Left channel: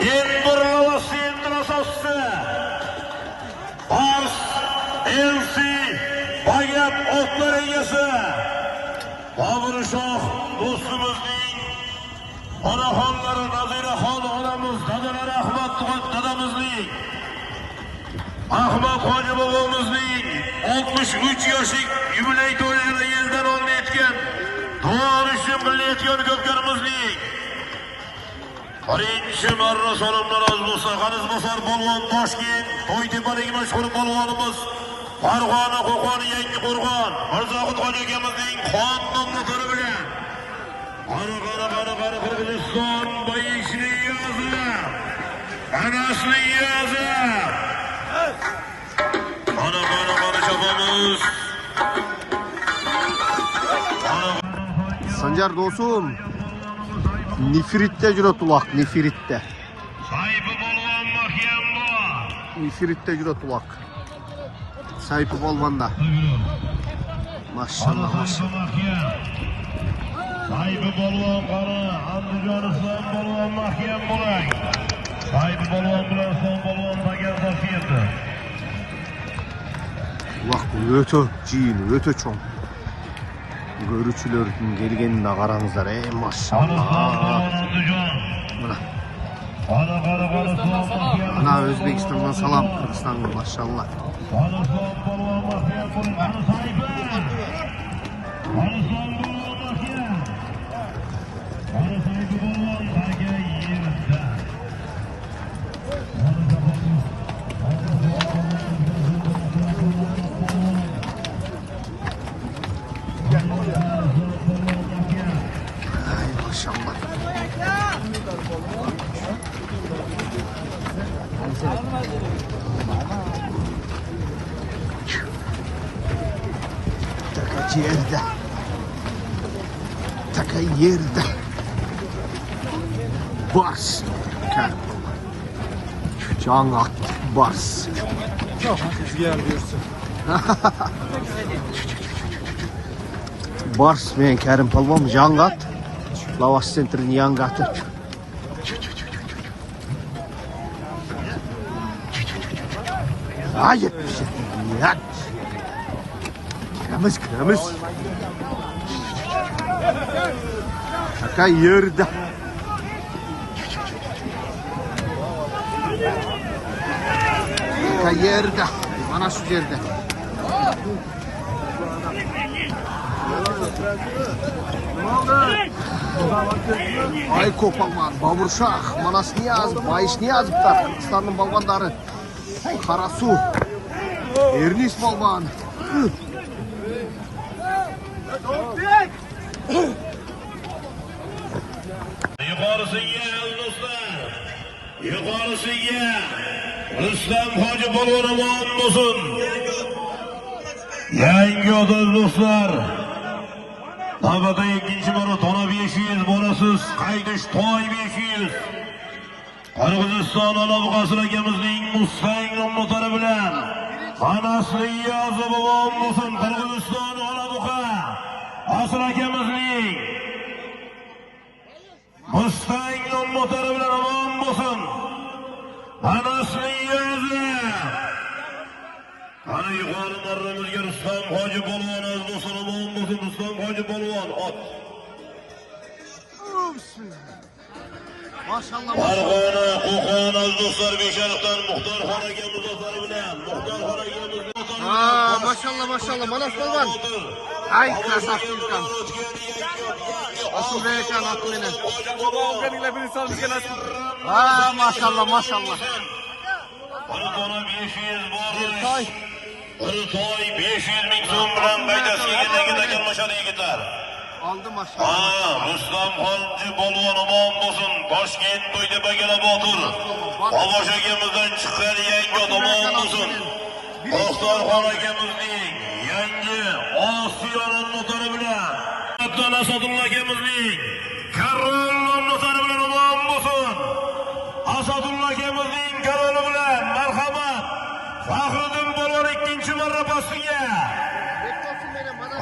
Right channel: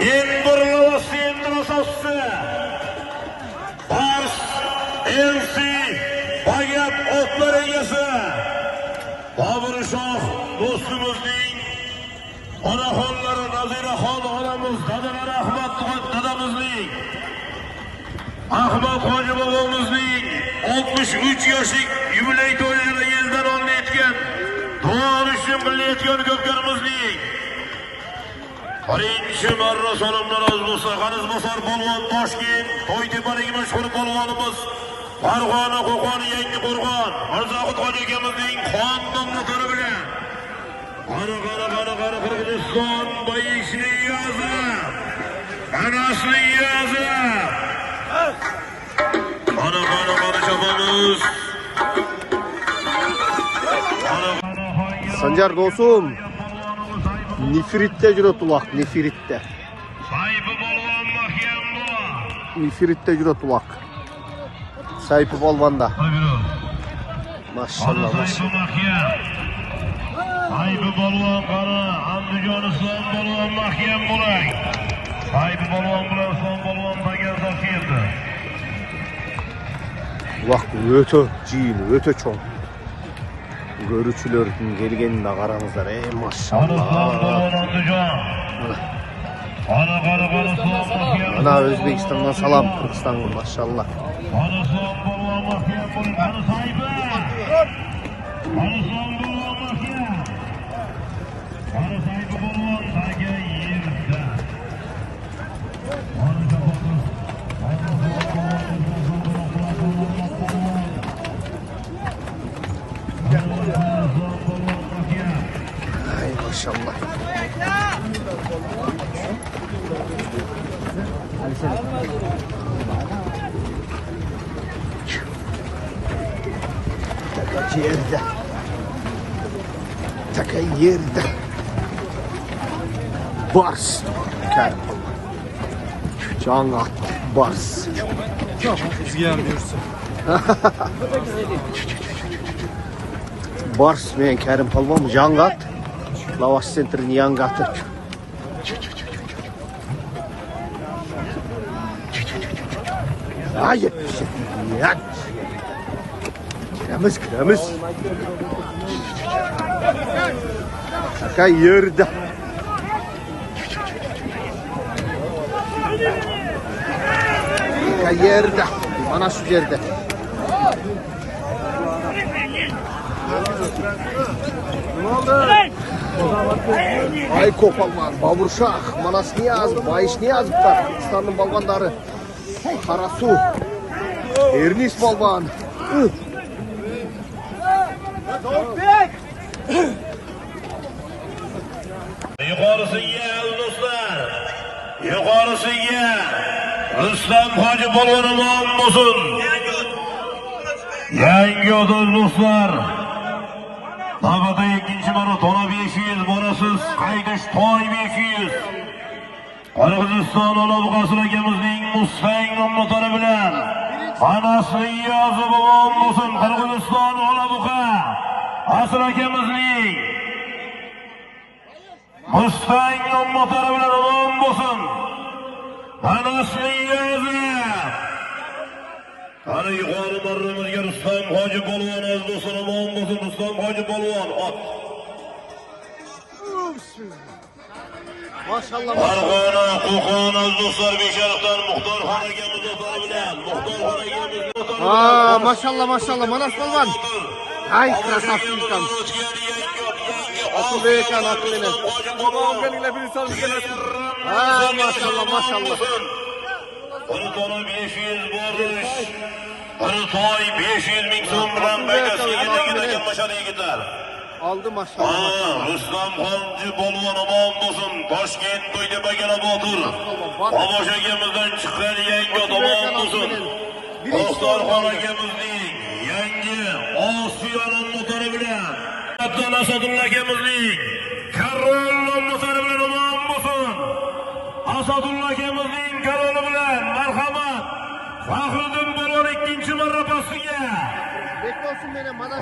İmbrava sindrosası. Pars, Elfi, Bagap otlar ögesi. Babur Şah, dostumuzun anaxonları Naziraxon onamiz, dadalar Ahmad dadamizning, Ahmad Hoji bobomizning 63 yoshlik yubiley to'yini yildan oldin etgan, to'g'rishni bilayotgan ko'pkarimizning birinchi marra salomdan olg'usi Qanizbasar polvon Toshkent To'ytepaning mashhur polvonimiz Farg'ona Qo'qon Yangi Qo'rg'on Mirzohid Hoji akamizning xondan motori bilan qara Qirg'iziston bayishli yozi, anasli yozi. Qara chapamiz. Sancar do'stum, Nefrit'te juda tuloq, Nefrit'te. Nefrit'te juda tuloq. Sayfi polvonda. Maşallah, maşallah. Vaqt öte ciğin, öte çoğun. Görücülerin gelgeninde qaramızlar. Ey maşallah. Ana Özbekistan'dan salam, Kırgızistan'a maşallah. Ay maşallah. Taka yerde. Taka yerde. Bars. Can at. Bars. Bars men Kerim polvon Jangat. Lavas Center'ın yangatı. Hayır. Yak. Kiremiz. Taka yerde. Taka yerde. Anası yerde. Ay Kopalman, Baburşah, Manas Niyaz, Bayış Niyaz'da Kırgızistan'ın balvanları. Karasu, Ernis balvan. Yukarısı ye dostlar. Yukarısı ye. Rüstem Hoji polvonum olsun. Yangi odur dostlar. Navbatda ikkinchi maratona 500, borasiz Qaydish toy 500. Qirg'iziston Olomqasir akamizning Mustang nomlari bilan anasli yozi bo'lgan bo'lsin. Qirg'iziston Olomqa Asir akamizning Mustang nomlari bilan bo'lgan bo'lsin. Anasli yozi. Ana yuqori marramizga Rustam Hoji polvon azdo'sini bo'lgan bo'lsin. Rustam Hoji polvon ot. Maşallah maşallah. Qo'qon azdo'slar besharafdan Muxtor Xon bilan Muxtor Xon Aa maşallah maşallah Manas polvon. Ay krasavчикам. Asıl ekan atmeni. Aa maşallah maşallah. Ona 500 bormuş. Ona toy 500 bin so'm aldı maşallah maşallah. Rustam Hoji polvon omon bo'lsin. Toshkent To'ytepaga otur. Tomosha akamizdan chiqqan yangi omon bo'lsin. Birinchi akamizning yangi Osiyo nomlari bilan Abdul Asadulla akamizning Karol nomlari bilan omon bo'lsin. Asadulla akamizning Karoli bilan marhamat. Faxriddin polvon ikkinchi marra pastiga.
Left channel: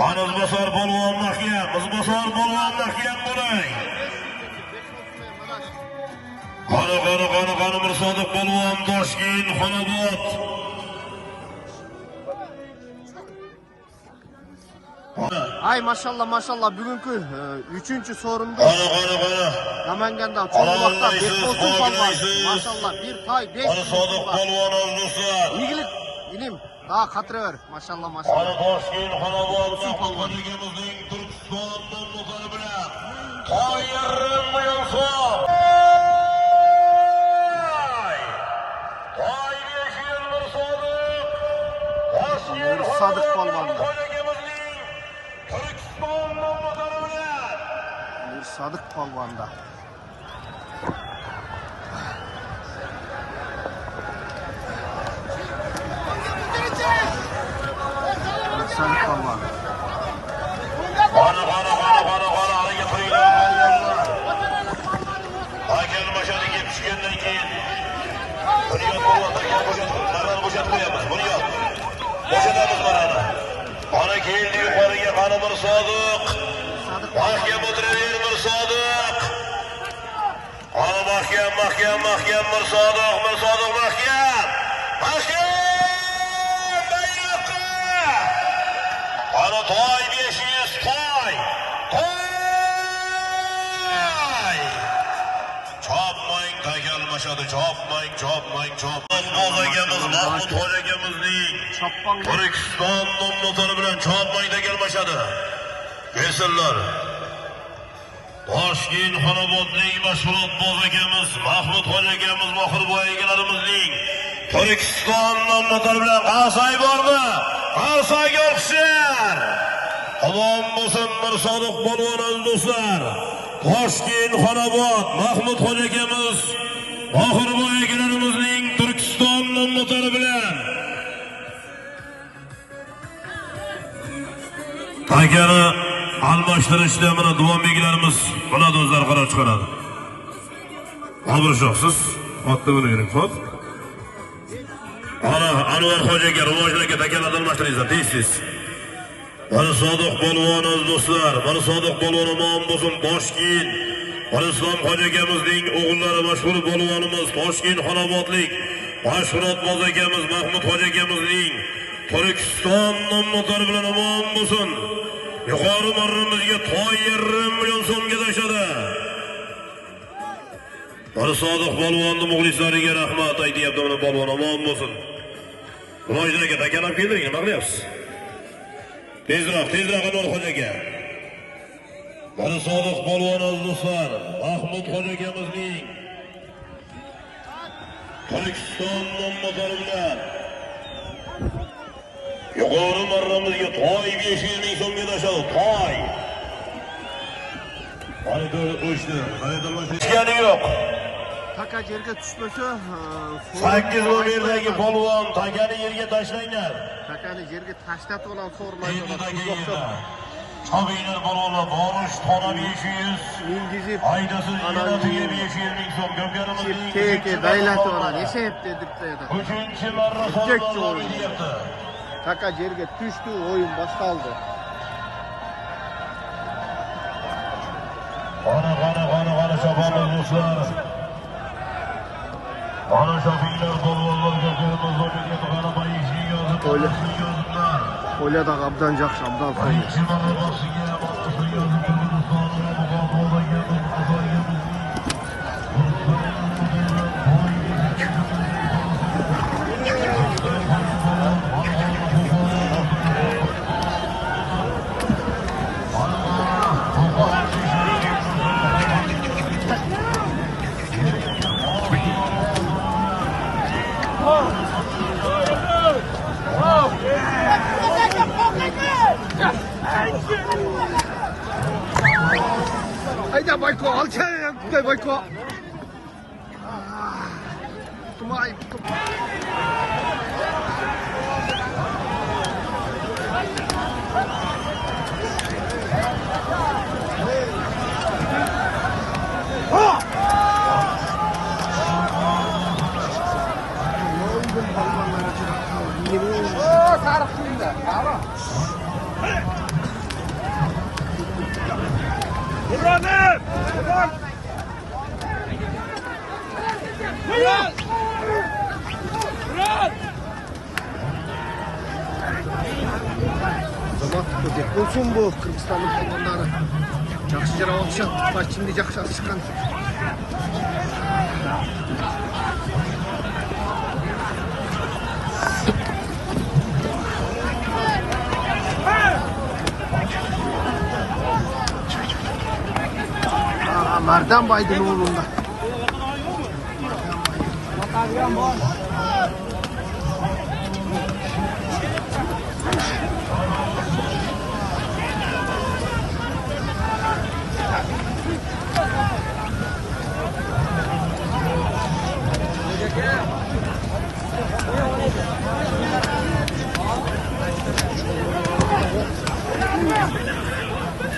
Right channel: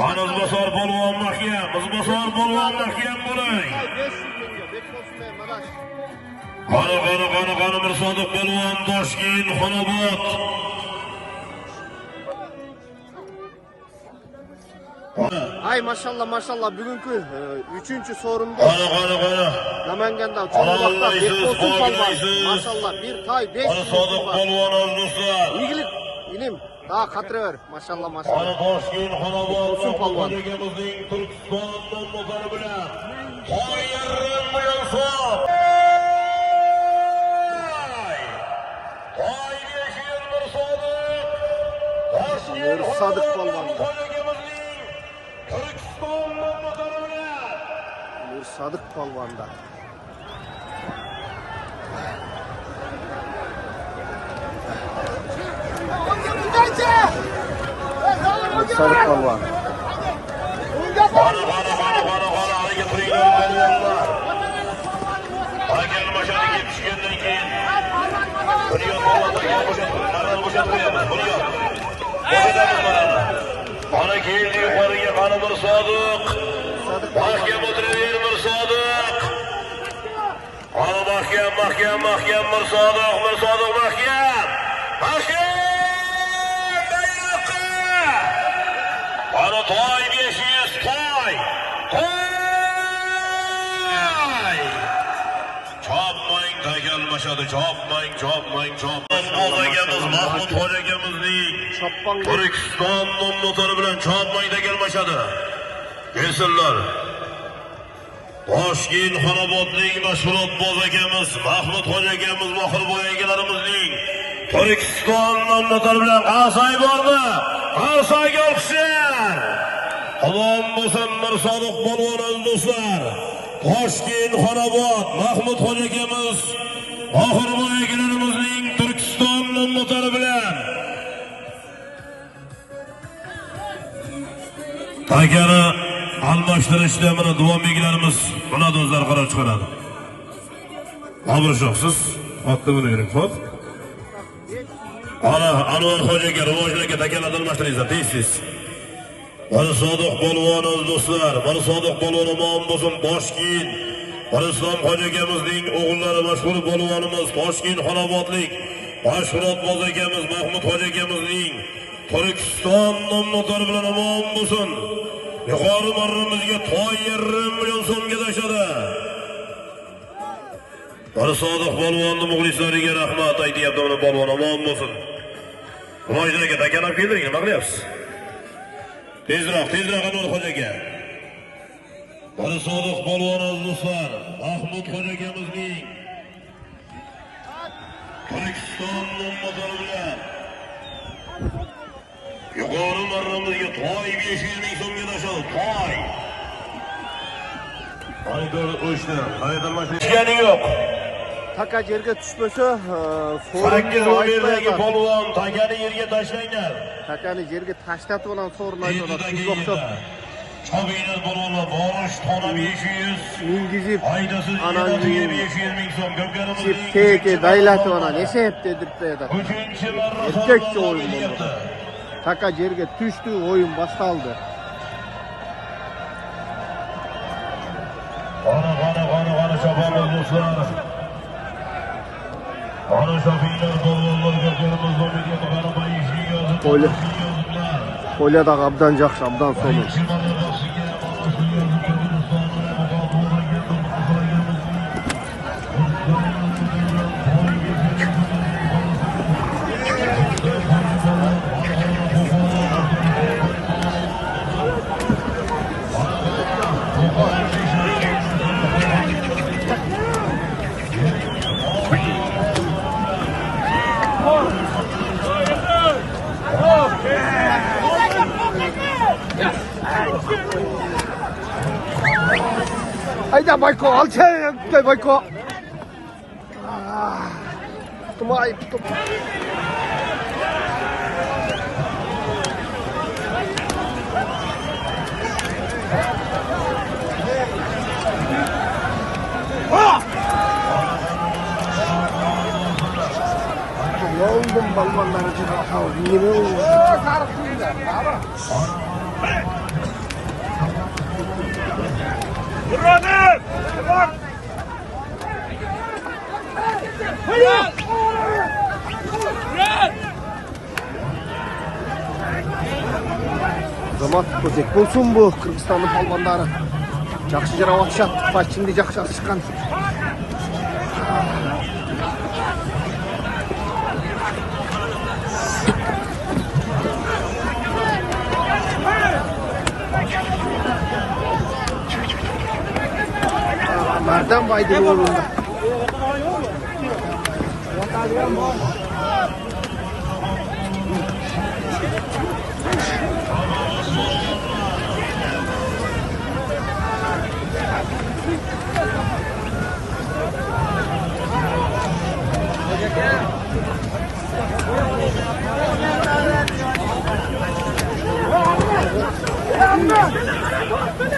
Qanizbasar polvon mahkam, Qizbasar polvon mahkam bo'ling. Bana Mirsadık Balvan Toshkent Xonobod. Ay maşallah bugünkü 3. sorumda Namanganda çoğu vakta Bekbolsun palvan. Maşallah bir tay 5 Mirsadık var. Balvan olduslar. İyilik ilim daha katırıyor. Maşallah. Toshkent Xonobod Bekbolsun palvan. Türkistondan motor bilan tayyorlanib qo'yilsin. Mirsadık palvanda. Mirsadık palvanda. Mirsadık palvan. Bana geldi yukarıya bana Mirsadık. Mirsadık palvan. Mirsadık. Bana mahkem Mirsadık mahkem. Bayrakı. Bana toy beşiyiz toy. Çapmayın da gel başladı çapmayın. Çappan gel. Türkiston'un motoru bilen çapmayın da gel başladı. Gelsinler. Toshkent Xonobodning mashhur boz akamiz Mahmud Hoji akamiz mohir boyagallarimizning Turkistonning motori bilan qarsak bormi? Qarsak yo'qlar. Omon bo'lsin Mirsadık polvon do'stlar. Toshkent Xonobod Mahmud Hoji akamiz mohir boyagallarimizning Turkistonning motori bilan Takani almashtirishda mana duo belgilarimiz buna do'stlar qaror chiqaradi. Abrishsiz, otda buni yering, xo'p? Ana Anvar Xo'jaga rivojlarga takalar almashtiringizlar, tez. Mirsadık polvon do'stlar, Mirsadık polvon omon bo'lsin Toshkent. Islom Hoji akamizning o'g'illari mashhur polvonimiz Toshkent Xonobodlik Mashhurot boz akamiz Mahmud Hoji akamizning Turkiston motori bilan omon bo'lsin. Yuqori marramizga toy 1,5 million so'mga tashladi. Mirsadık polvonni muxlislariga rahmat aytyapti, mana polvon omon bo'lsin. Rivojlarga takanab keldiring, nima qilyapsiz? Tezroq Anvar Hoji aka. Mirsadık polvon do'stlar, Mahmud Hoji akamizning Turkiston motori bilan yuqori marramizga toy 500 ming so'mga tashladi. Toy. Qaydir o'shni, qaydirmashgani yo'q. Taka yerga tushmasa, Sakkiz o'yindagi polvon takani yerga tashlanglar. Takani yerga tashlab olan so'rmaydi. Chabeylar polvonlar borish tona 500. İngilizce Aydasiz analiz 500 ming so'm ko'pyarimizning. Peki daylati ona nechayapti debdi. 3-chi marra Erkakcha o'yin. Taka yerga tushdi, o'yin boshlandi. Ana şapamız do'stlar. Ana şapinglar polvonlarga qo'limizga qarabay Qo'li. Qo'lida abdan yaxshi, abdan so'li. Hayda Bayko, al sen Bayko. Kumay. London balonları Zaman tutacak olsun bu Kırgızistanlı balkonları. Жақсы жара уақытша патчинді жақсы шыққан. Mardan Baydın oğlunda.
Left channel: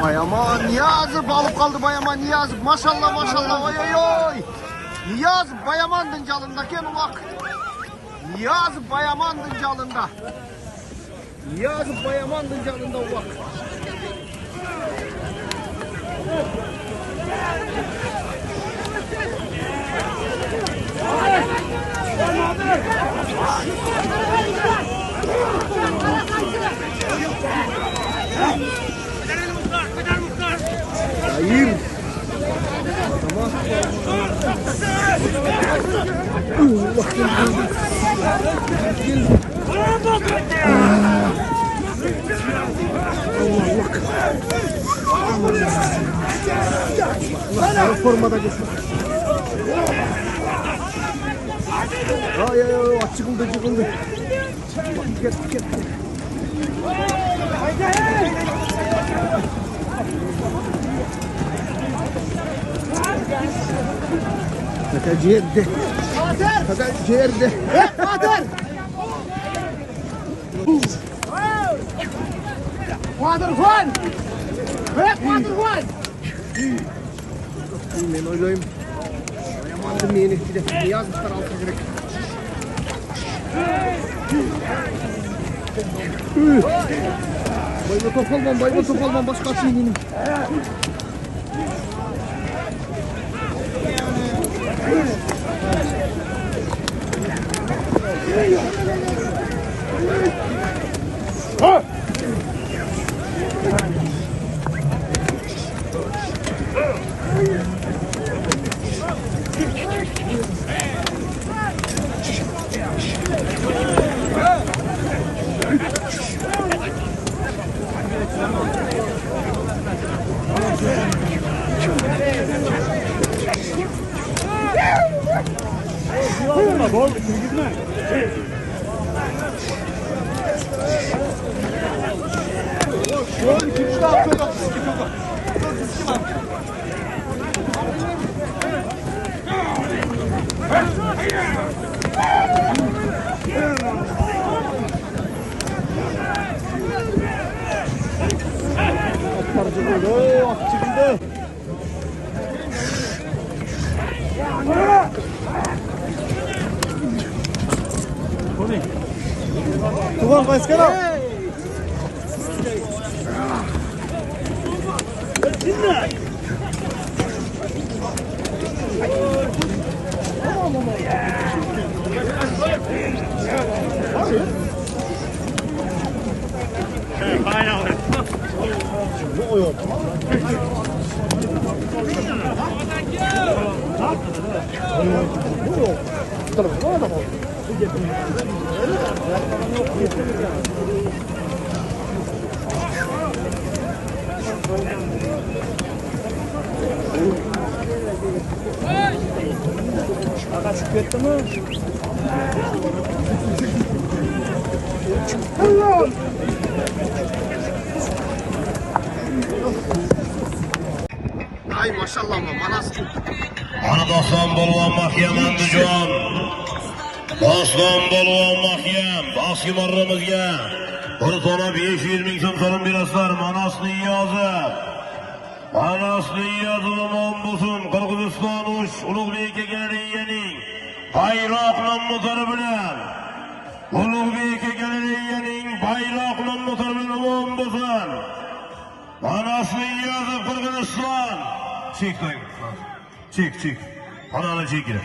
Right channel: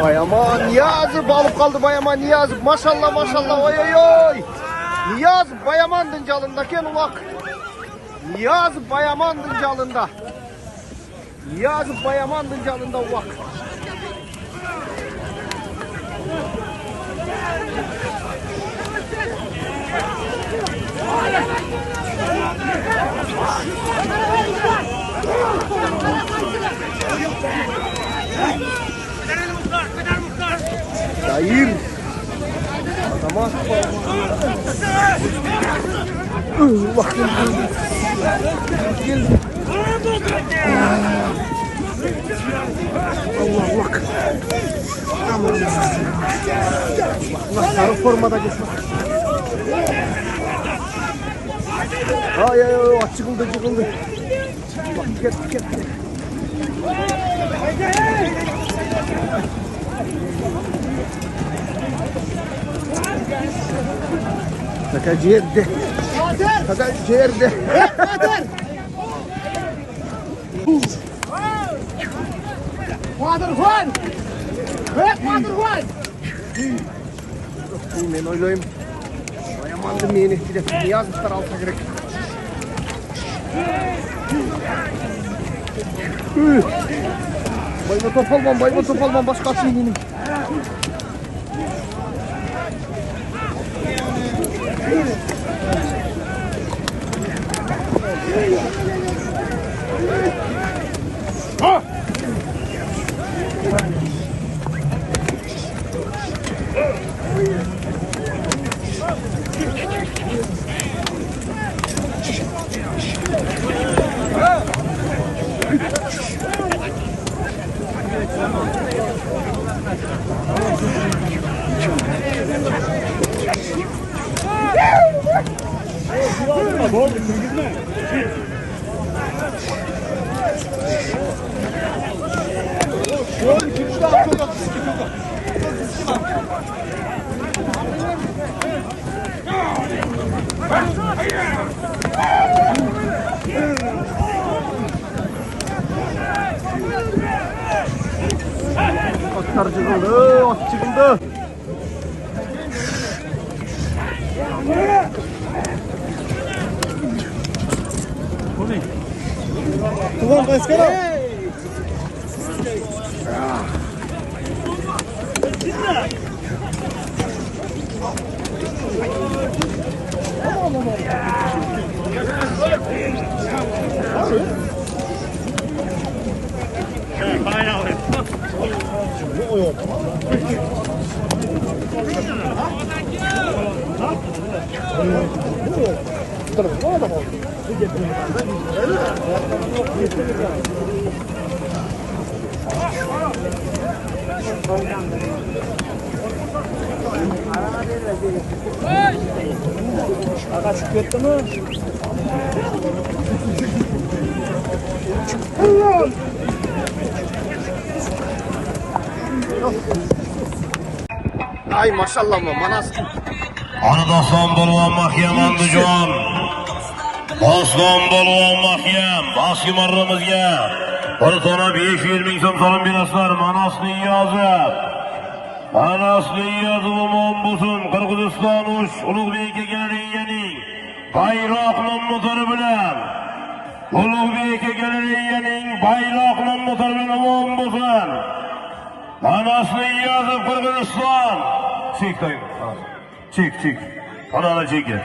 Vay aman Niyazı balık kaldı bayaman Niyazı maşallah maşallah oy oy oy. Niyazı bayamandın calında ken ulak. Niyazı bayamandın calında. Niyazı bayamandın calında ulak. Hayır. Tamam. Bak geldi. Allah bak. Allah sarı formada geçti. Ay ay ay çıkıldı çıkıldı. Bak gel. Kaka ciğerde. Kaka ciğerde. Kader. Waterfall. Waterfall. Ben oylayayım. Bayamandım yeni. Bir de yazmışlar alta gerek. Bayma top almam. Başka atayım. Tuvan başkanım. Aga çıkıyor mu? Ay maşallah mı manas. Arkadaşlar bolwan mahkem Andijon. Osman bolwan mahkem mahkemarımızga. Ortana 500 ming so'm salom berasizlar. Manasli Niyazov. Manasli Niyazov bo'lsin Qirg'iziston Ulug'bekka keladiganing bayroqning motori bilan. Ulug'bekka keladiganing bayroqning motori bilan omon bo'lsin. Manasli Niyazov Qirg'iziston. Çek. Padana çekin.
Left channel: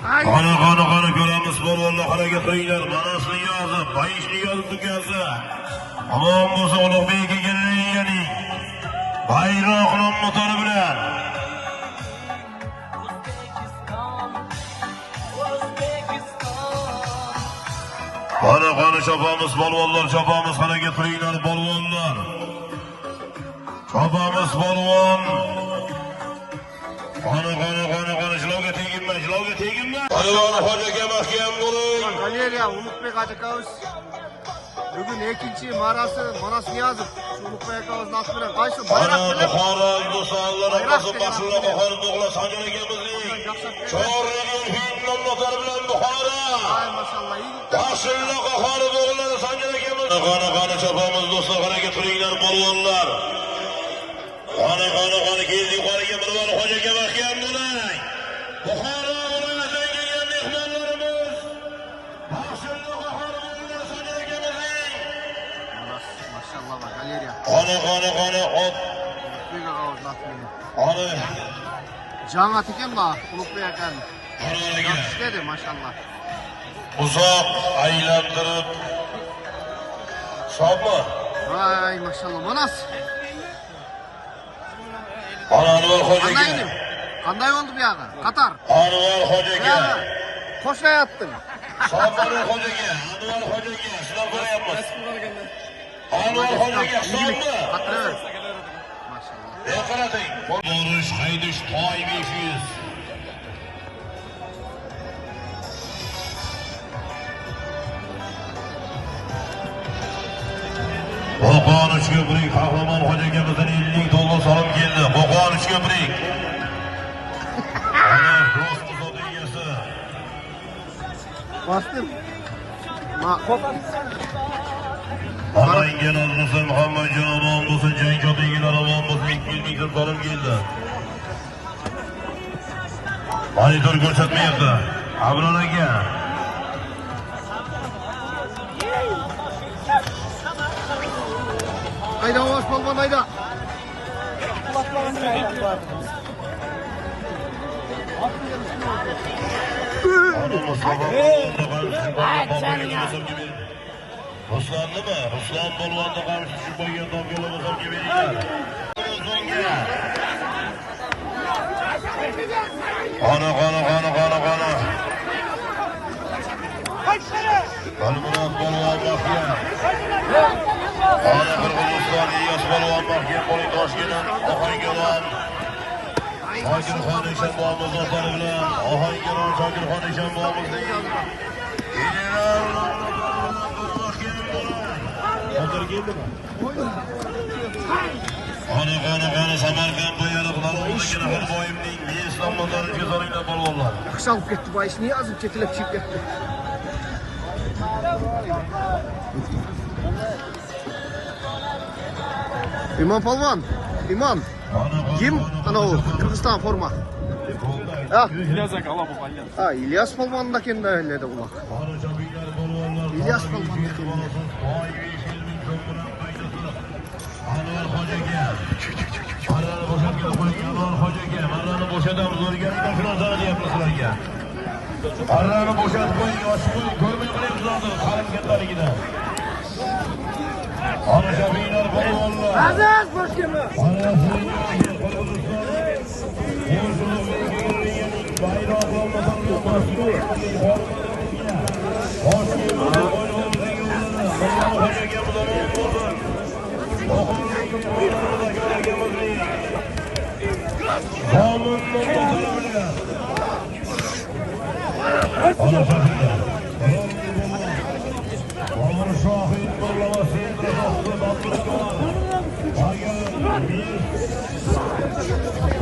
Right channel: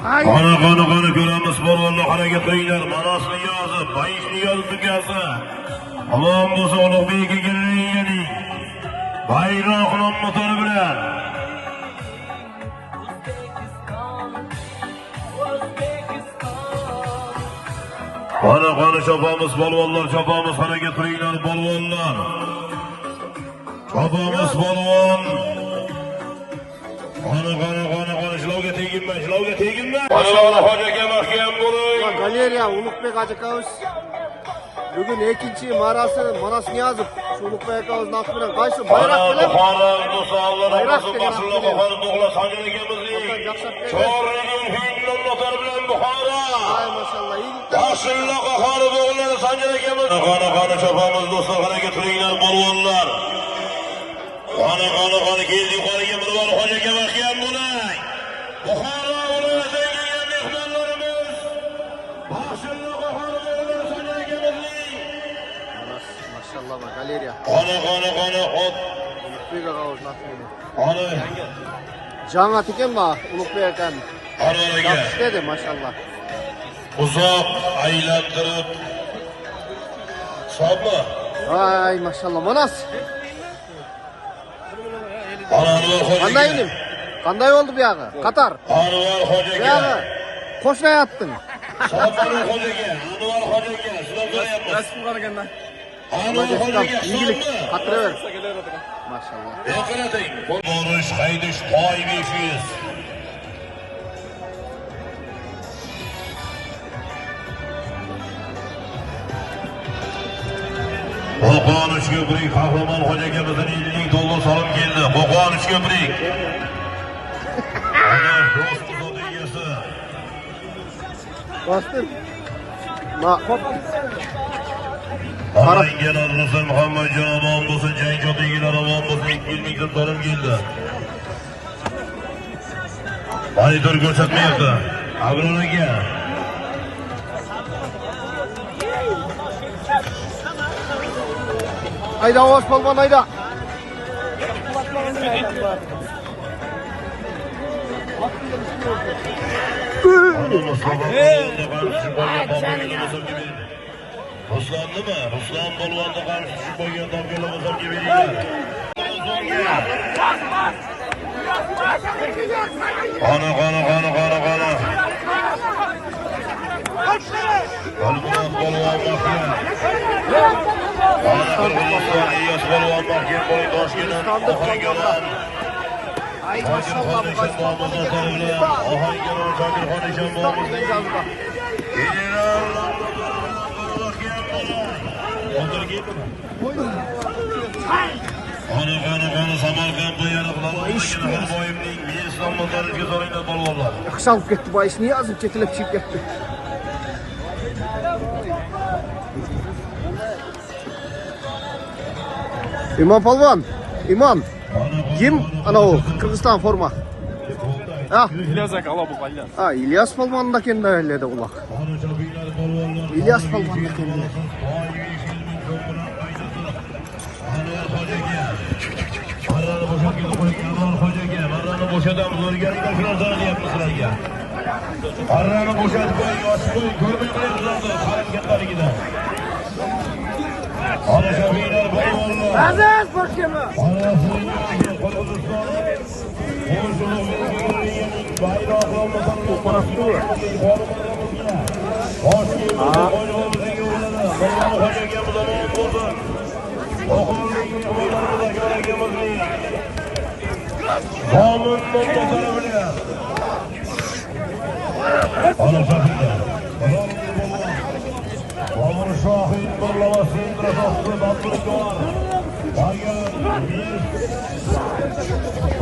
Qani ko'ramiz polvonlar harakat qilinglar. Manasni yozib, bayishni yozib tukasi. Omon bo'lsa Ulug'bekka kelinglar. Bayroqlar motori bilan. Qani chopamiz polvonlar, chopamiz harakat qilinglar polvonlar. Chopamiz polvon. Qani shlovga teginma. Maşallah. Hocaga mahkam bo'ling. Galeriya Ulug'bek akamiz. Bugun ikinci Manas Niyazov. Ulug'bek akamiz nasıl bilen qaysi bayrak bilen? Bayrak degan at bilen. Ondan jaksat berdi. Ay maşallah. İyilikten Qani chopamiz do'stlar, harakat qilinglar polvonlar. Qani keldik qo'liga polvon, hojaga mahkam bo'ling. Manas maşallah bak galeriya. Qani Ulug'bek akamiz nasıl bilen? Qani Canat eken bak Ulug'bek akan. Qani Yaxshi dedi maşallah. uzoq aylantirib Sabla. Ay maşallah Manas. Anvar hoca. Qanday idim? Qanday oldu bu yağı? Qatar. Anvar Bu hojaga. yağı qo'shmay attın. Sabri hojaga, Anvar hojaga. Sizlar qo'yapmiz. Rasm qaraganda. Anvar hojaga. İyilik. Qatıraver. Maşallah. Yo'qaratayım. Borish, haydish, toy 500. Qo'qon ko'prik Qahramon hojaga bizning 50 dollar salom keldi. Qo'qon ko'prik. Ana do'st egasi. Bastım. Ma Qaranglar Azizim Muhammadjon omon bo'lsin, jangjo'dagilar omon bo'lsin. 200 ming so'm param keldi. Monitor ko'rsatmayapti. Abror aka. Ayda ovoz polvon ayda. Ruslan'dı mı? Ruslan polvonda qarshi qo'ygandan qo'lga gibi. Qani. Polvon Ay maşallah. Qani Samarqand bo'yalib Akşam gitti bayis niye azıcık çekilip çekilip. İmam polvon. İmam. Kim? Ana o Kırgızistan forma. Ha? İlyas aka ala bu qalyan. Ha İlyas polvon da kendi öyle de ulak. İlyas polvon da kendi. Aziz bakayım. Şahit Barlaması,